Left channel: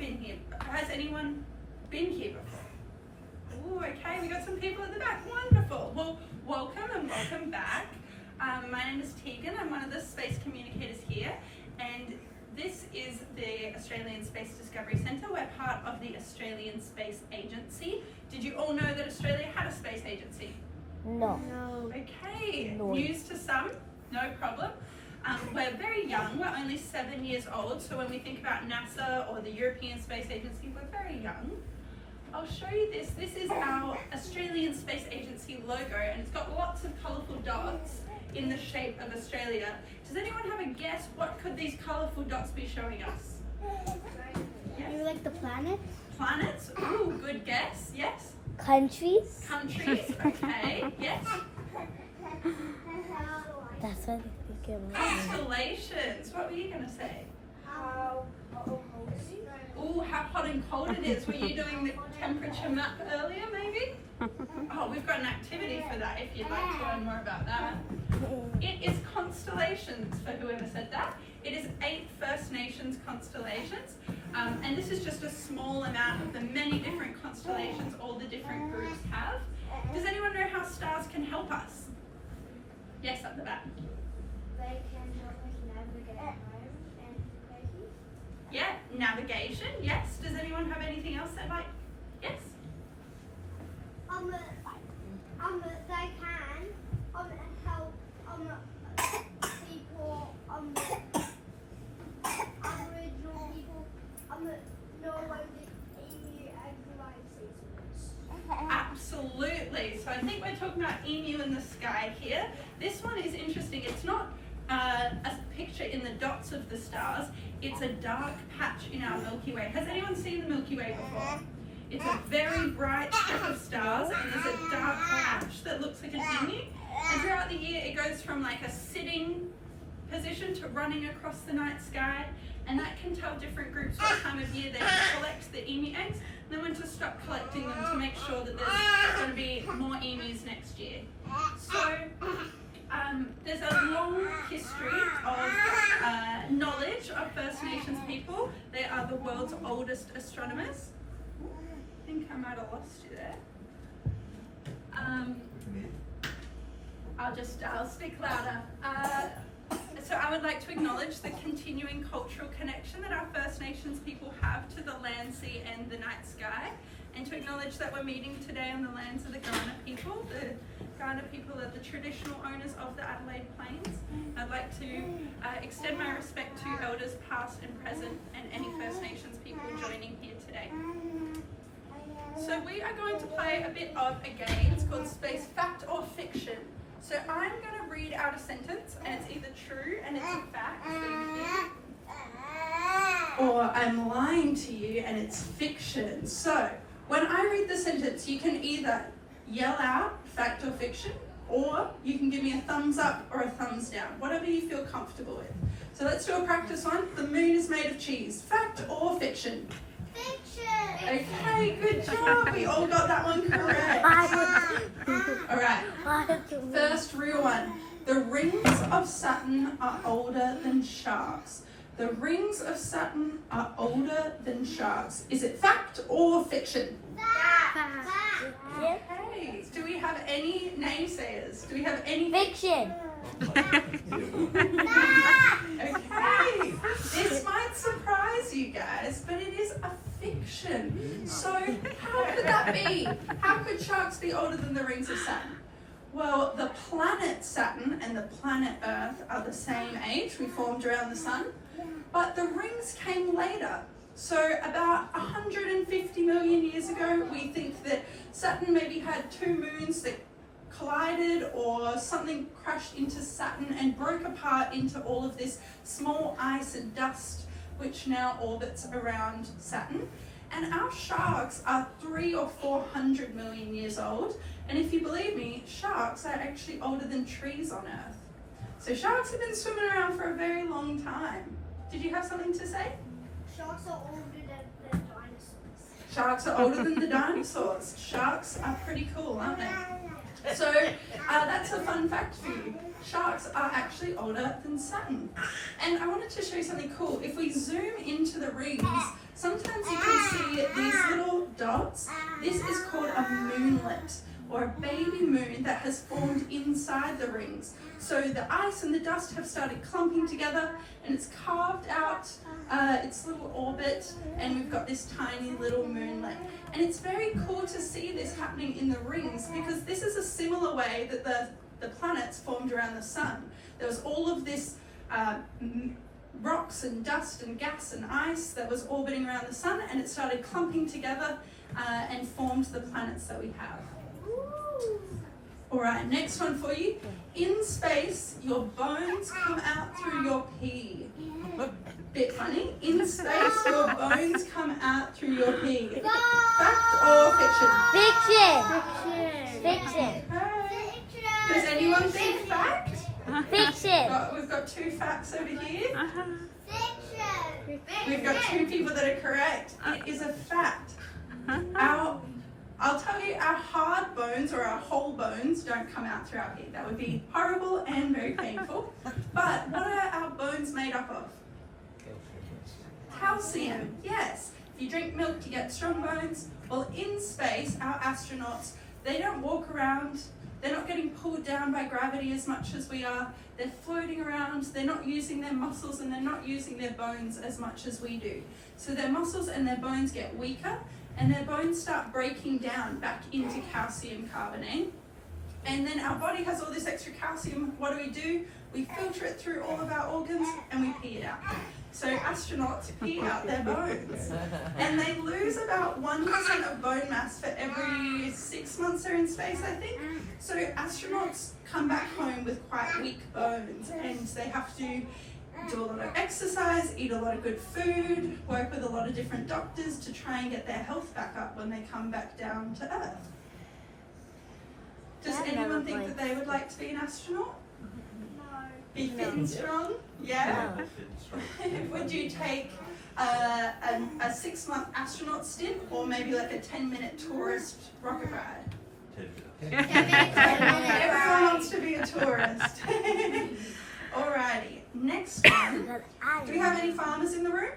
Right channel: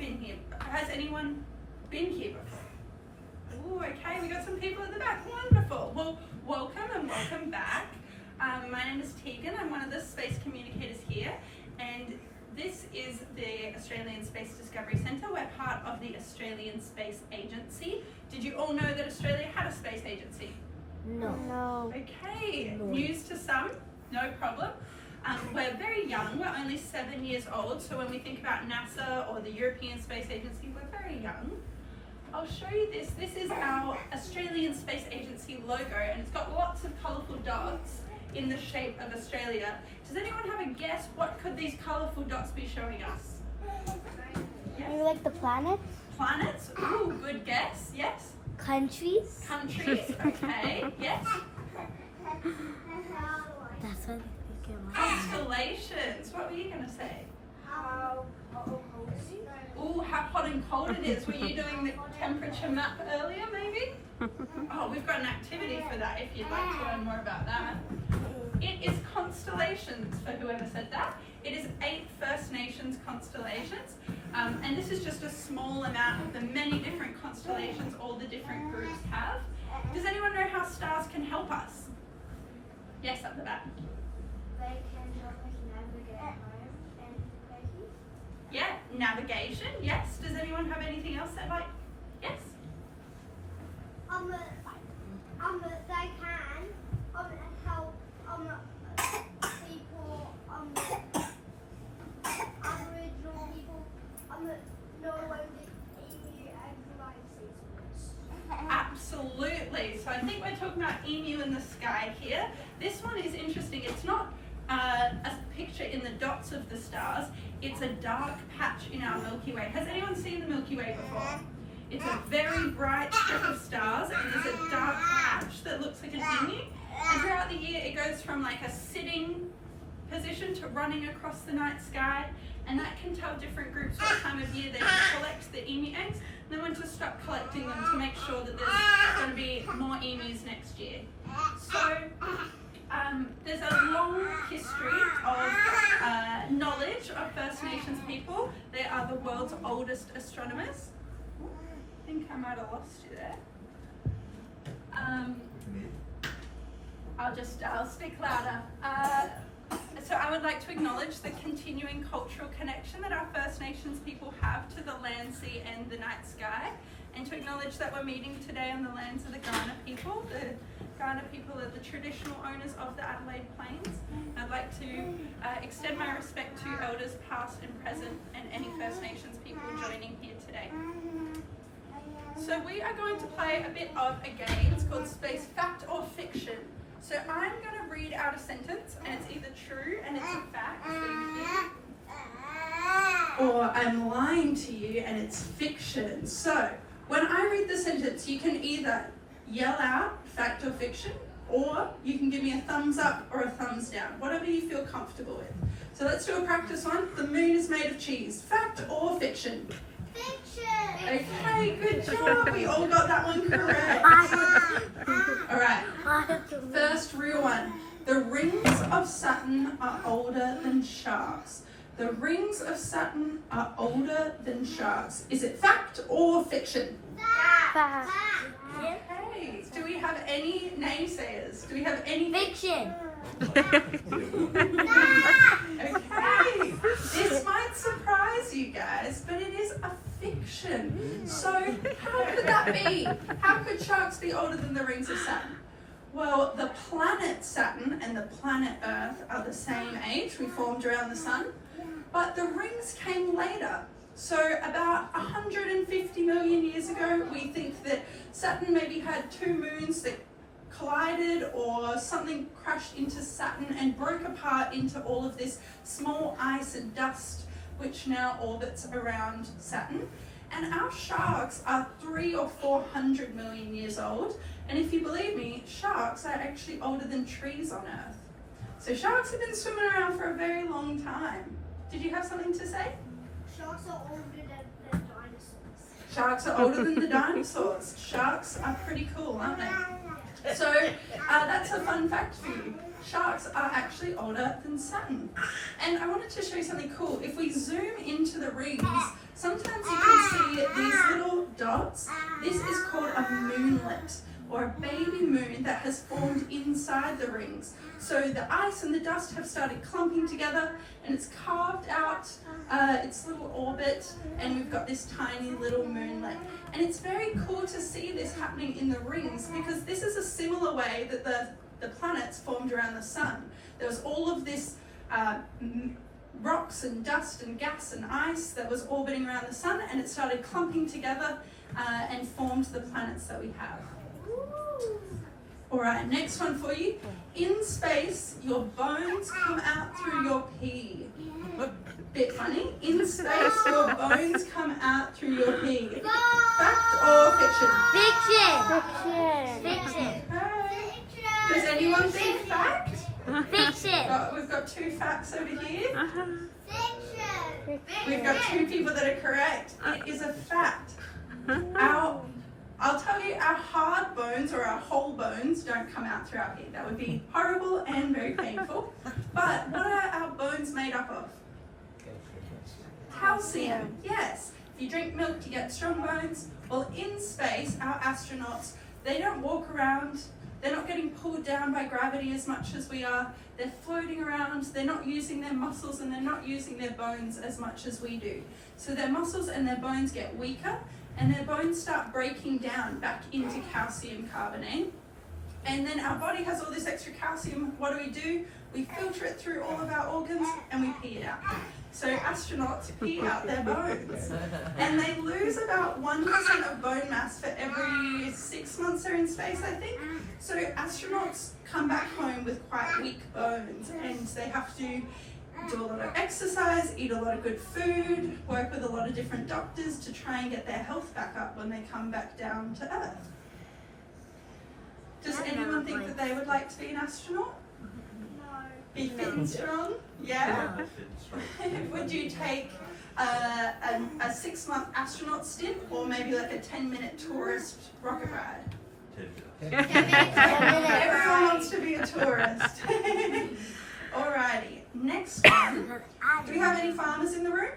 been here. Has anyone been here before? Oh, okay, we got some people at the back. Wonderful. Well, welcome and welcome back. My name is Tegan. I'm one of the space communicators here, and this is the Australian Space Discovery Centre. We're part of the Australian Space Agency. Did you all know that Australia had a space agency? No. Okay, No. news to some, no problem. We're very young, we're only 7 years old, so when we think about NASA or the European Space Agency, we're very young. I'll show you this. This is our Australian Space Agency logo, and it's got lots of colourful dots in the shape of Australia. Does anyone have a guess? What could these colourful dots be showing us? Maybe like the planets? Planets? Ooh, good guess. Yes. Countries? Countries? Okay. Yes. That's what I think it was. Constellations. What were you going to say? Ooh, how hot and cold it is. Were you doing the temperature map earlier, maybe? Oh, we've got an activity for that if you'd like to learn more about that. It is constellations, for whoever said that. It is 8 First Nations constellations, and this is just a small amount of the many different constellations all the different groups have. Does anyone know how stars can help us? Yes, up the back. They can help us navigate home and places. Yeah, navigation, yes. Does anyone have anything else they'd like? Yes? They can help people, Aboriginal people, know when the emu and the lion Absolutely. So I think we're talking about emu in the sky here. This one is interesting. It's not a picture in the dots of the stars. It's a dark patch in our Milky Way. Has anyone seen the Milky Way before? It's a very bright strip of stars, and there's a dark patch that looks like an emu. And throughout the year, it goes from like a sitting position to running across the night sky, and that can tell different groups what time of year they can collect the emu eggs, and then when to stop collecting them to make sure that there's going to be more emus next year. So there's a long history of knowledge of First Nations people. They are the world's oldest astronomers. I think I might have lost you there. I'll speak louder. So I would like to acknowledge the continuing cultural connection that our First Nations people have to the land, sea and the night sky, and to acknowledge that we're meeting today on the lands of the Kaurna people. The Kaurna people are the traditional owners of the Adelaide Plains. I'd like to extend my respect to elders past and present and any First Nations people joining here today. So we are going to play a bit of a game. It's called Space Fact or Fiction. So I'm going to read out a sentence, and it's either true and it's a fact, or I'm lying to you and it's fiction. So when I read the sentence, you can either yell out fact or fiction, or you can give me a thumbs up or a thumbs down, whatever you feel comfortable with. So let's do a practice one. The moon is made of cheese. Fact or fiction? Fiction! Okay, good job. We all got that one correct. All right. First real one. The rings of Saturn are older than sharks. The rings of Saturn are older than sharks. Is it fact or fiction? Fact. Okay. Do we have any naysayers? Do we have any? Fiction. Okay. This might surprise you guys, but it is a fiction. So how could that be? How could sharks be older than the rings of Saturn? Well, the planet Saturn and the planet Earth are the same age. We formed around the sun. But the rings came later. So about 150 million years ago, we think that Saturn maybe had 2 moons that collided, or something crashed into Saturn and broke apart into all of this small ice and dust, which now orbits around Saturn. And our sharks are 300 or 400 million years old. And if you believe me, sharks are actually older than trees on Earth. So sharks have been swimming around for a very long time. Did you have something to say? Sharks are older than dinosaurs. Sharks are older than the dinosaurs. Sharks are pretty cool, aren't they? So that's a fun fact for you. Sharks are actually older than Saturn. And I wanted to show you something cool. If we zoom into the rings, sometimes you dots, this is called a moonlet, or a baby moon that has formed inside the rings. So the ice and the dust have started clumping together, and it's carved out its little orbit, and we've got this tiny little moonlet. And it's very cool to see this happening in the rings, because this is a similar way that the planets formed around the sun. There was all of this rocks and dust and gas and ice that was orbiting around the sun, and it started clumping together and formed the planets that we have. Alright, next one for you. In space, your bones come out through your pee. Bit funny. In space, your bones come out through your pee. Fact or fiction? Fiction. Fiction. Okay. Does anyone think fact? Fiction. We've got two facts over here. Fiction. We've got two people that are correct. It is a fact. I'll tell you, our hard bones or our whole bones don't come out through our pee. That would be horrible and very painful. But what are our bones made up of? Calcium, yes. If you drink milk, you get strong bones. Well, in space, our astronauts, they don't walk around. They're not getting pulled down by gravity as much as we are. They're floating around. They're not using their muscles, and they're not using their bones as much as we do. So their muscles and their bones get weaker, and their bones start breaking down back into calcium carbonate. And then our body has all this extra calcium. What do? We filter it through all of our organs, and we pee it out. So astronauts pee out their bones. And they lose about 1% of bone mass for every 6 months they're in space, I think. So astronauts come back home with quite weak bones, and they have to do a lot of exercise, eat a lot of good food, work with a lot of different doctors to try and get their health back up when they come back down to Earth. Does anyone think that they would like to be an astronaut? Be fit and strong? Yeah? Would you take a 6-month astronaut stint, or maybe like a 10-minute tourist rocket ride? Everyone wants to be a tourist. Alrighty, next one. Do we have any farmers in the room?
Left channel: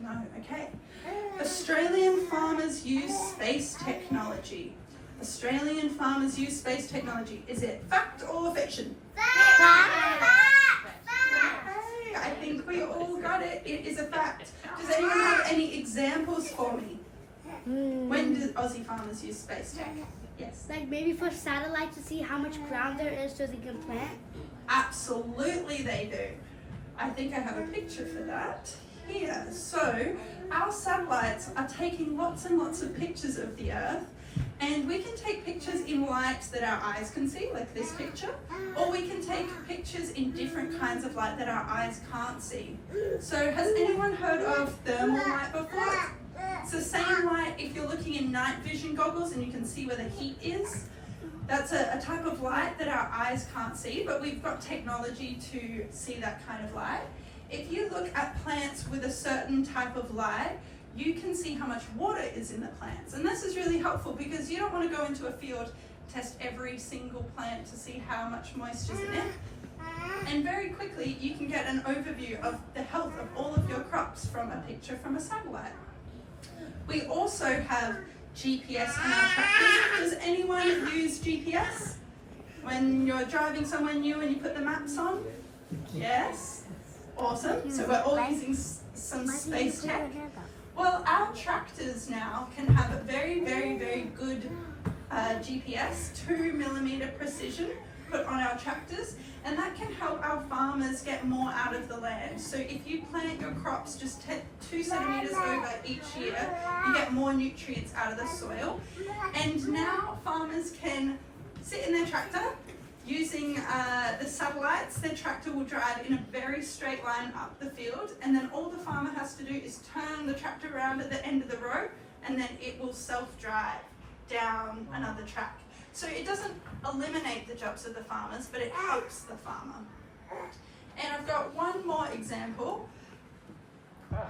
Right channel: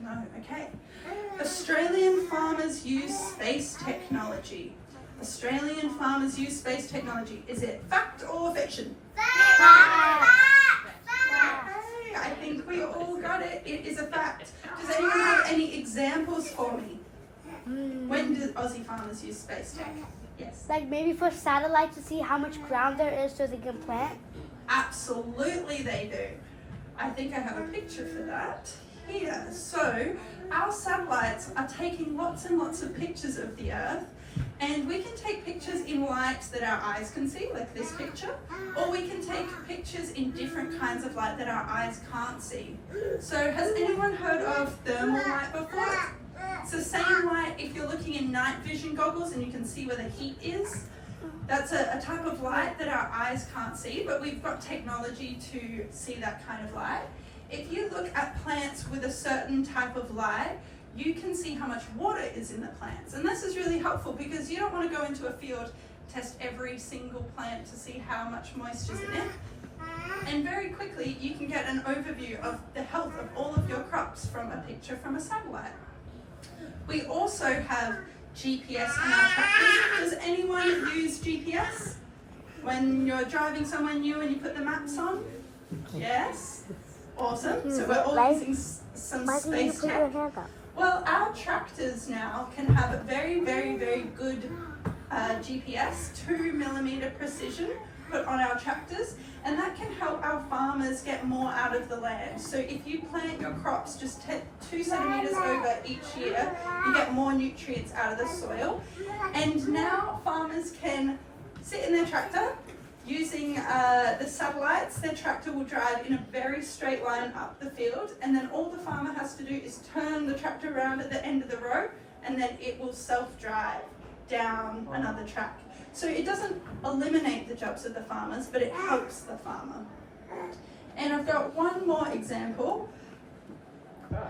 No, okay. Australian farmers use space technology. Australian farmers use space technology. Is it fact or fiction? Fact. Okay, I think we all got it. It is a fact. Does anyone have any examples for me? When do Aussie farmers use space tech? Yes. Like maybe for satellites to see how much ground there is so they can plant? Absolutely they do. I think I have a picture for that here. So our satellites are taking lots and lots of pictures of the Earth, and we can take pictures in light that our eyes can see, like this picture, or we can take pictures in different kinds of light that our eyes can't see. So has anyone heard of thermal light before? It's the same light if you're looking in night vision goggles and you can see where the heat is. That's a type of light that our eyes can't see, but we've got technology to see that kind of light. If you look at plants with a certain type of light, you can see how much water is in the plants. And this is really helpful because you don't want to go into a field, test every single plant to see how much moisture is in it. And very quickly, you can get an overview of the health of all of your crops from a picture from a satellite. We also have GPS in our tractors. Does anyone use GPS? When you're driving somewhere new and you put the maps on? Yes? Awesome. So we're all using some space tech. Well, our tractors now can have a very, very, very good GPS, 2mm precision put on our tractors, and that can help our farmers get more out of the land. So if you plant your crops just 2 centimeters over each year, you get more nutrients out of the soil. And now farmers can sit in their tractor using the satellites. Their tractor will drive in a very straight line up the field, and then all the farmer has to do is turn the tractor around at the end of the row, and then it will self-drive down another track. So it doesn't eliminate the jobs of the farmers, but it helps the farmer. And I've got one more example.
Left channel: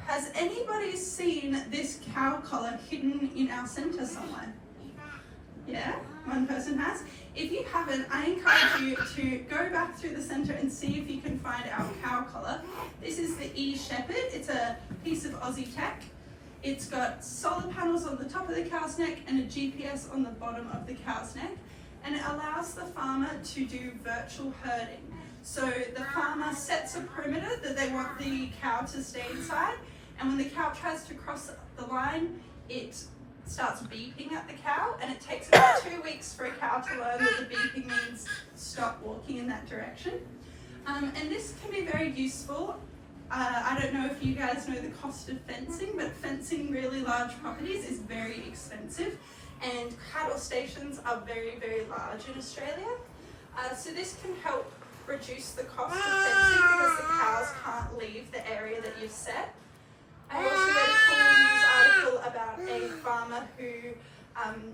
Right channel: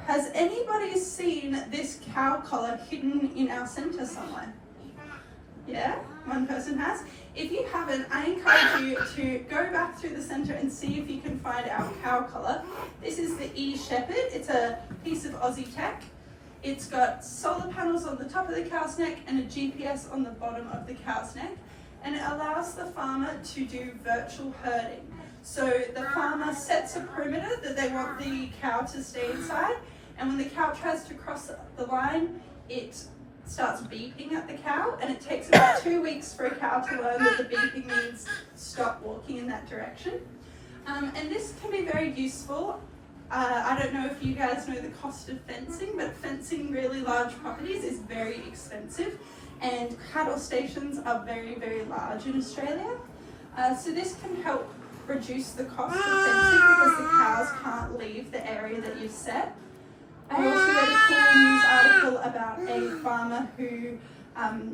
Has anybody seen this cow collar hidden in our centre somewhere? Yeah, one person has. If you haven't, I encourage you to go back through the centre and see if you can find our cow collar. This is the E Shepherd. It's a piece of Aussie tech. It's got solar panels on the top of the cow's neck and a GPS on the bottom of the cow's neck, and it allows the farmer to do virtual herding. So the farmer sets a perimeter that they want the cow to stay inside, and when the cow tries to cross the line, it starts beeping at the cow, and it takes about 2 weeks for a cow to learn that the beeping means stop walking in that direction. And this can be very useful. I don't know if you guys know the cost of fencing, but fencing really large properties is very expensive, and cattle stations are very, very large in Australia. So this can help reduce the cost of fencing because the cows can't leave the area that you've set. I also read a cool news article about a farmer who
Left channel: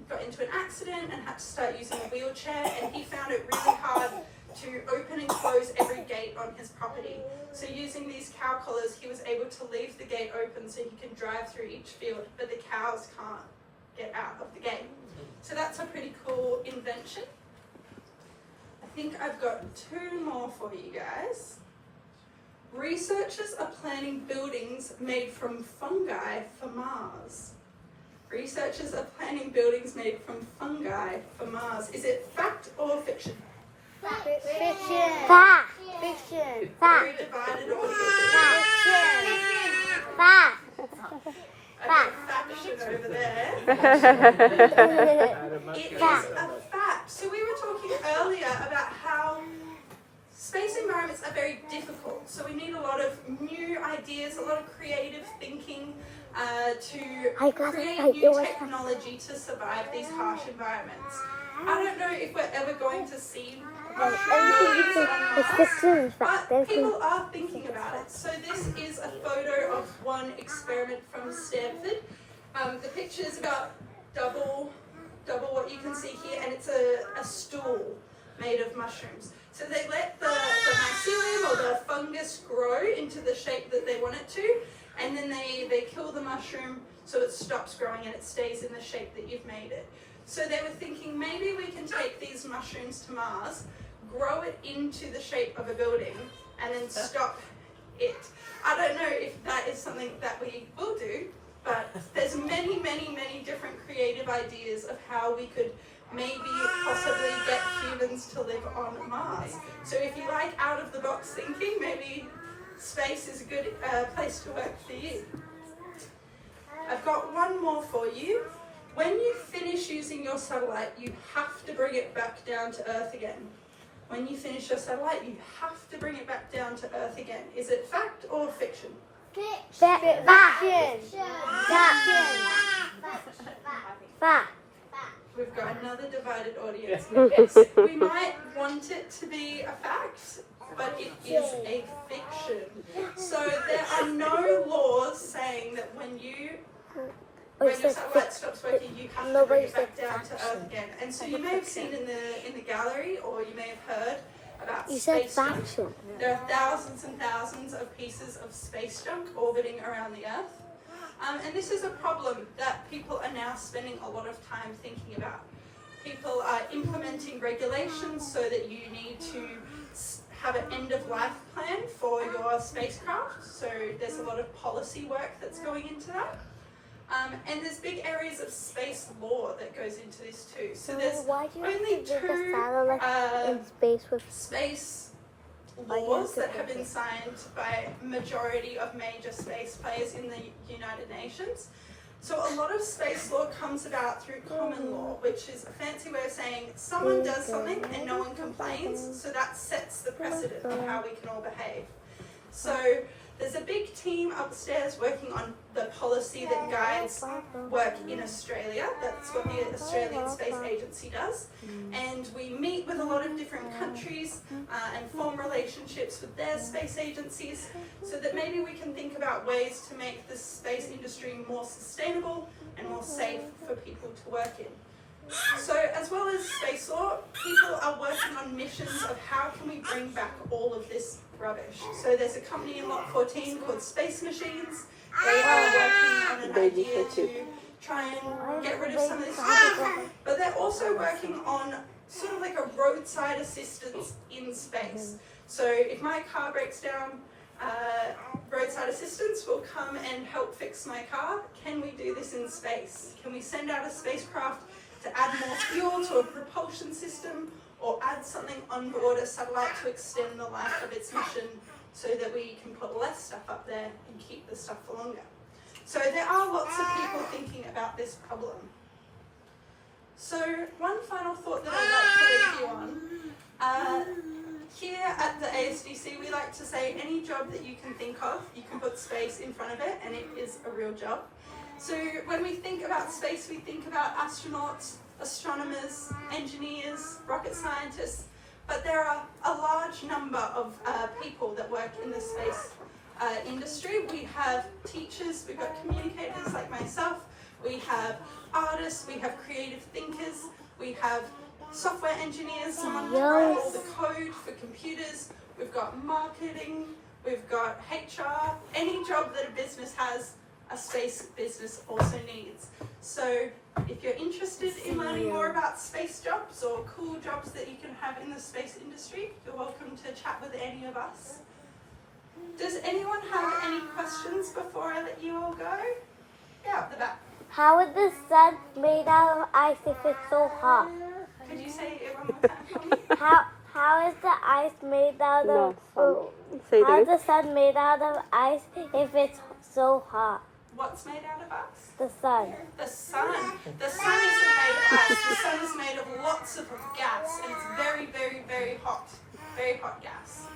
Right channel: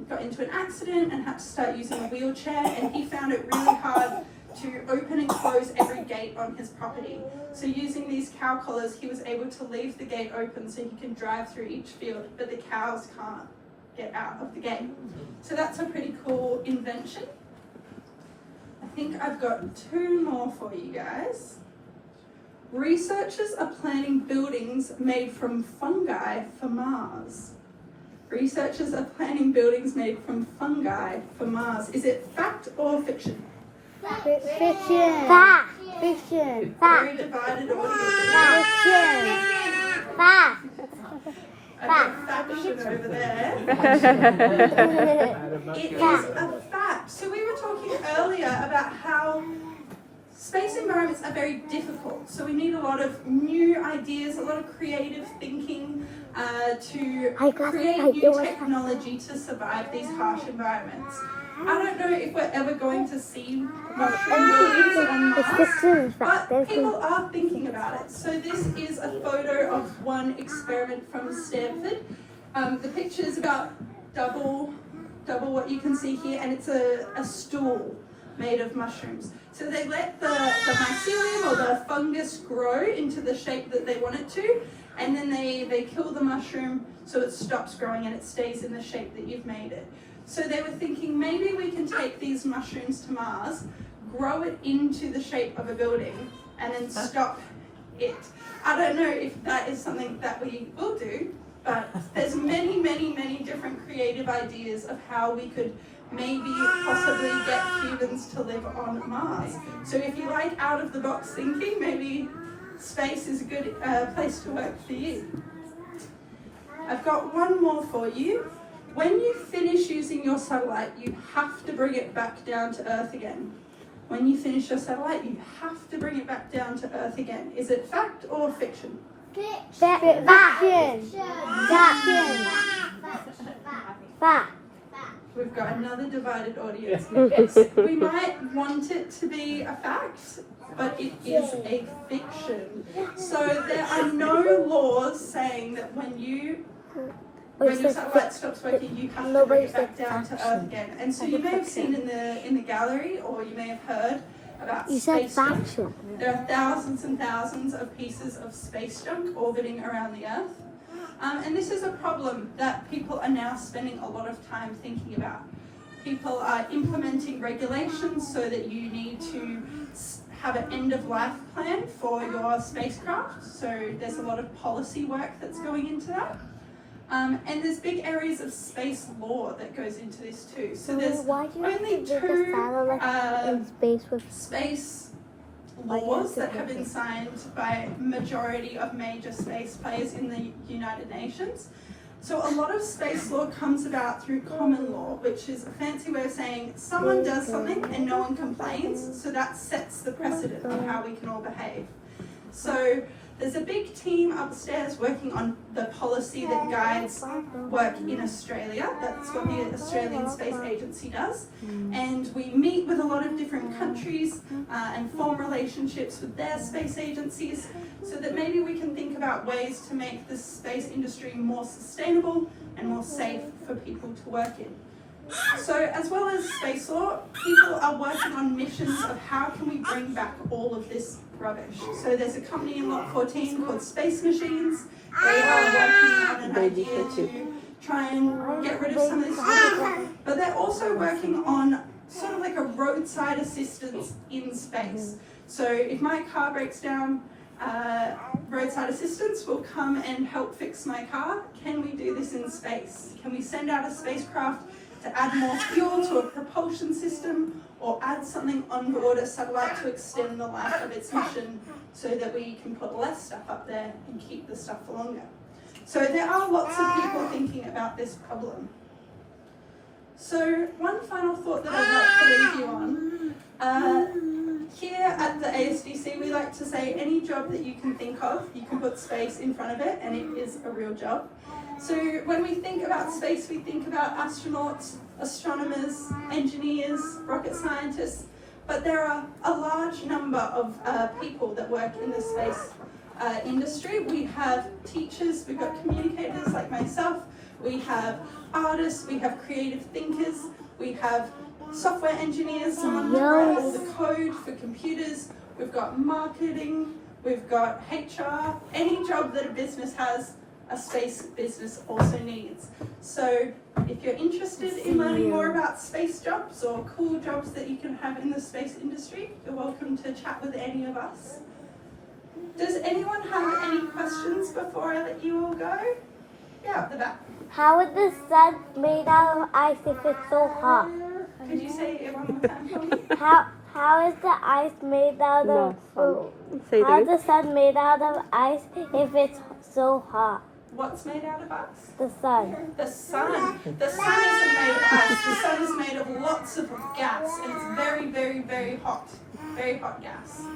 got into an accident and had to start using a wheelchair, and he found it really hard to open and close every gate on his property. So using these cow collars, he was able to leave the gate open so he can drive through each field, but the cows can't get out of the gate. So that's a pretty cool invention. I think I've got 2 more for you guys. Researchers are planning buildings made from fungi for Mars. Researchers are planning buildings made from fungi for Mars. Is it fact or fiction? Fiction. Fiction. Very divided audience. Fiction. I've got faction over there. It is a fact. So we were talking earlier about how space environments are very difficult. So we need a lot of new ideas, a lot of creative thinking to create new technology to survive these harsh environments. I don't know if we're ever going to see mushroom buildings on Mars, but people are thinking about it. So this is a photo of one experiment from Stanford. The picture is about double what you can see here, and it's a stool made of mushrooms. So they let the mycelium or the fungus grow into the shape that they want it to, and then they kill the mushroom so it stops growing and it stays in the shape that you've made it. So they were thinking maybe we can take these mushrooms to Mars, grow it into the shape of a building, and then stop it. I don't know if that is something that we will do, but there's many, many, many different creative ideas of how we could maybe possibly get humans to live on Mars. So if you like out of the box thinking, maybe space is a good place to work for you. I've got one more for you. When you finish using your satellite, you have to bring it back down to Earth again. When you finish your satellite, you have to bring it back down to Earth again. Is it fact or fiction? Fiction. Fact. We've got another divided audience. We might want it to be a fact, but it is a fiction. So there are no laws saying that when your satellite stops working, you have to bring it back down to Earth again. And so you may have seen in the gallery, or you may have heard about space junk. There are thousands and thousands of pieces of space junk orbiting around the Earth. And this is a problem that people are now spending a lot of time thinking about. People are implementing regulations so that you need to have an end-of-life plan for your spacecraft. So there's a lot of policy work that's going into that. And there's big areas of space law that goes into this too. So there's only 2 space laws that have been signed by majority of major space players in the United Nations. So a lot of space law comes about through common law, which is a fancy way of saying someone does something and no one complains, so that sets the precedent of how we can all behave. So there's a big team upstairs working on the policy that guides work in Australia. That's what the Australian Space Agency does. And we meet with a lot of different countries and form relationships with their space agencies so that maybe we can think about ways to make the space industry more sustainable and more safe for people to work in. So as well as space law, people are working on missions of how can we bring back all of this rubbish. So there's a company in Lot 14 called Space Machines. They are working on an idea to try and get rid of some of this junk, but they're also working on sort of like a roadside assistance in space. So if my car breaks down, roadside assistance will come and help fix my car. Can we do this in space? Can we send out a spacecraft to add more fuel to a propulsion system, or add something on board a satellite to extend the life of its mission so that we can put less stuff up there and keep the stuff for longer? So there are lots of people thinking about this problem. So one final thought that I'd like to leave you on. Here at the ASDC, we like to say any job that you can think of, you can put space in front of it and it is a real job. So when we think about space, we think about astronauts, astronomers, engineers, rocket scientists, but there are a large number of people that work in the space industry. We have teachers, we've got communicators like myself, we have artists, we have creative thinkers, we have software engineers, someone to write all the code for computers, we've got marketing, we've got HR. Any job that a business has, a space business also needs. So if you're interested in learning more about space jobs or cool jobs that you can have in the space industry, you're welcome to chat with any of us. Does anyone have any questions before I let you all go? Yeah, up the back. How is the sun made out of ice if it's so hot? Could you say it one more time for me? How is the ice made out of? How is the sun made out of ice if it's so hot? What's made out of ice? The sun. The sun. The sun isn't made of ice. The sun is made of lots of gas, and it's very, very, very hot. Very hot gas.